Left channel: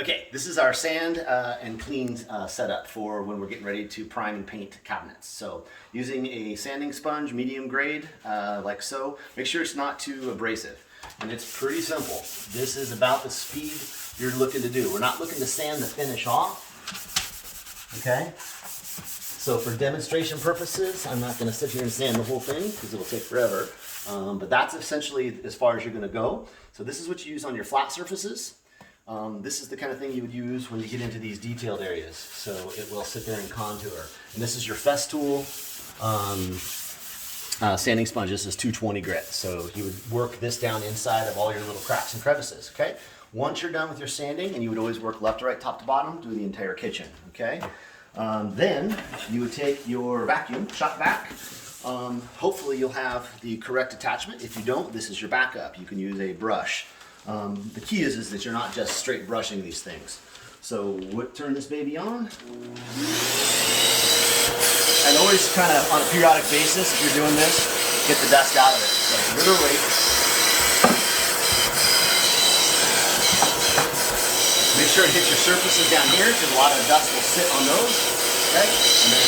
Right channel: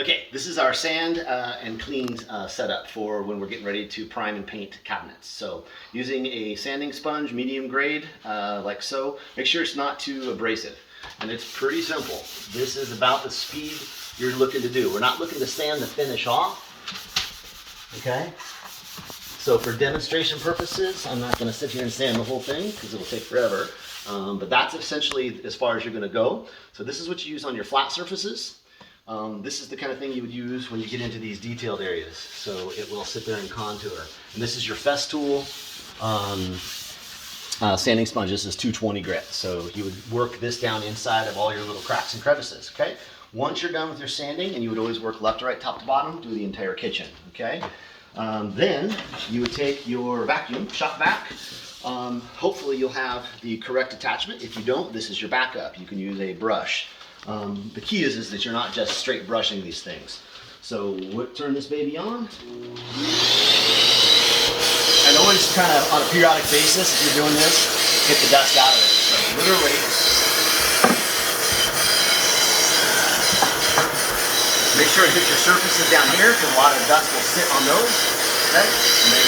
Okay, this is our sand and clean setup for when we're getting ready to prime and paint cabinets. So using a sanding sponge, medium grade, like so. Make sure it's not too abrasive. And it's pretty simple. This is about the speed you're looking to do. We're not looking to sand the finish off, okay? So for demonstration purposes, I'm not gonna sit here and sand the whole thing because it'll take forever. But that's essentially as far as you're gonna go. So this is what you use on your flat surfaces. This is the kind of thing you would use when you get into these detailed areas. So it will sit there and contour. And this is your Festool sanding sponge. This is 220 grit. So you would work this down inside of all your little cracks and crevices, okay? Once you're done with your sanding, and you would always work left to right, top to bottom, do the entire kitchen, okay? Then you would take your vacuum, shop vac. Hopefully you'll have the correct attachment. If you don't, this is your backup. You can use a brush. The key is that you're not just straight brushing these things. So turn this baby on. And always kind of on a periodic basis, if you're doing this, get the dust out of it. So literally, make sure to hit your surfaces down here because a lot of dust will sit on those. Okay? And then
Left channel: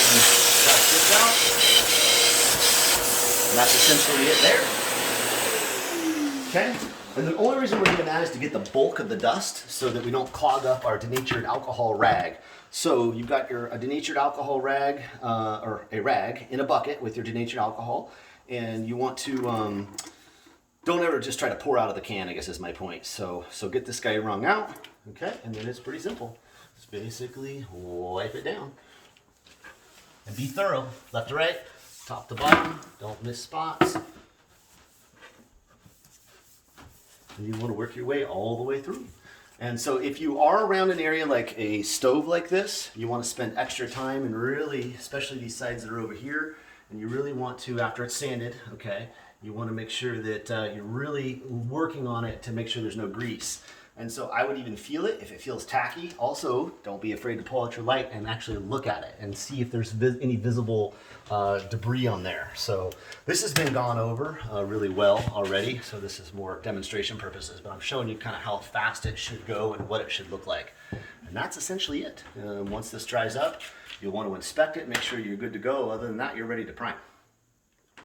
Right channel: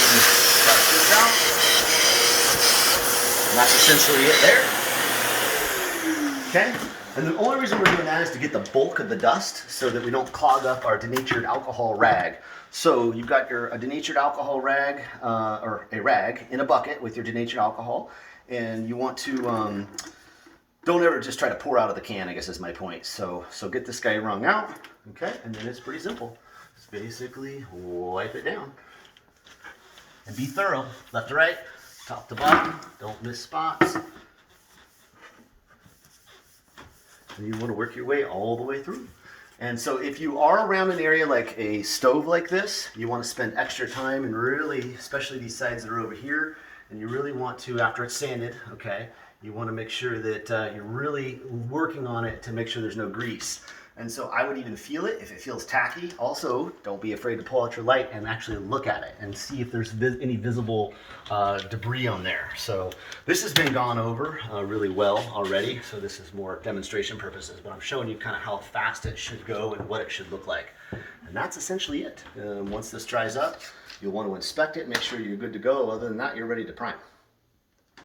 brush this out. And that's essentially it there. Okay? And the only reason we're doing that is to get the bulk of the dust so that we don't clog up our denatured alcohol rag. So you've got a denatured alcohol rag, or a rag in a bucket with your denatured alcohol, and you want to, don't ever just try to pour out of the can, I guess is my point. So get this guy wrung out, okay? And then it's pretty simple. Just basically wipe it down. And be thorough, left to right, top to bottom, don't miss spots. And you want to work your way all the way through. And so if you are around an area like a stove like this, you want to spend extra time and really, especially these sides that are over here, and you really want to, after it's sanded, okay, you want to make sure that you're really working on it to make sure there's no grease. And so I would even feel it if it feels tacky. Also, don't be afraid to pull out your light and actually look at it and see if there's any visible debris on there. So this has been gone over really well already. So this is more demonstration purposes, but I'm showing you kind of how fast it should go and what it should look like. And that's essentially it. Once this dries up, you'll want to inspect it, make sure you're good to go. Other than that, you're ready to prime.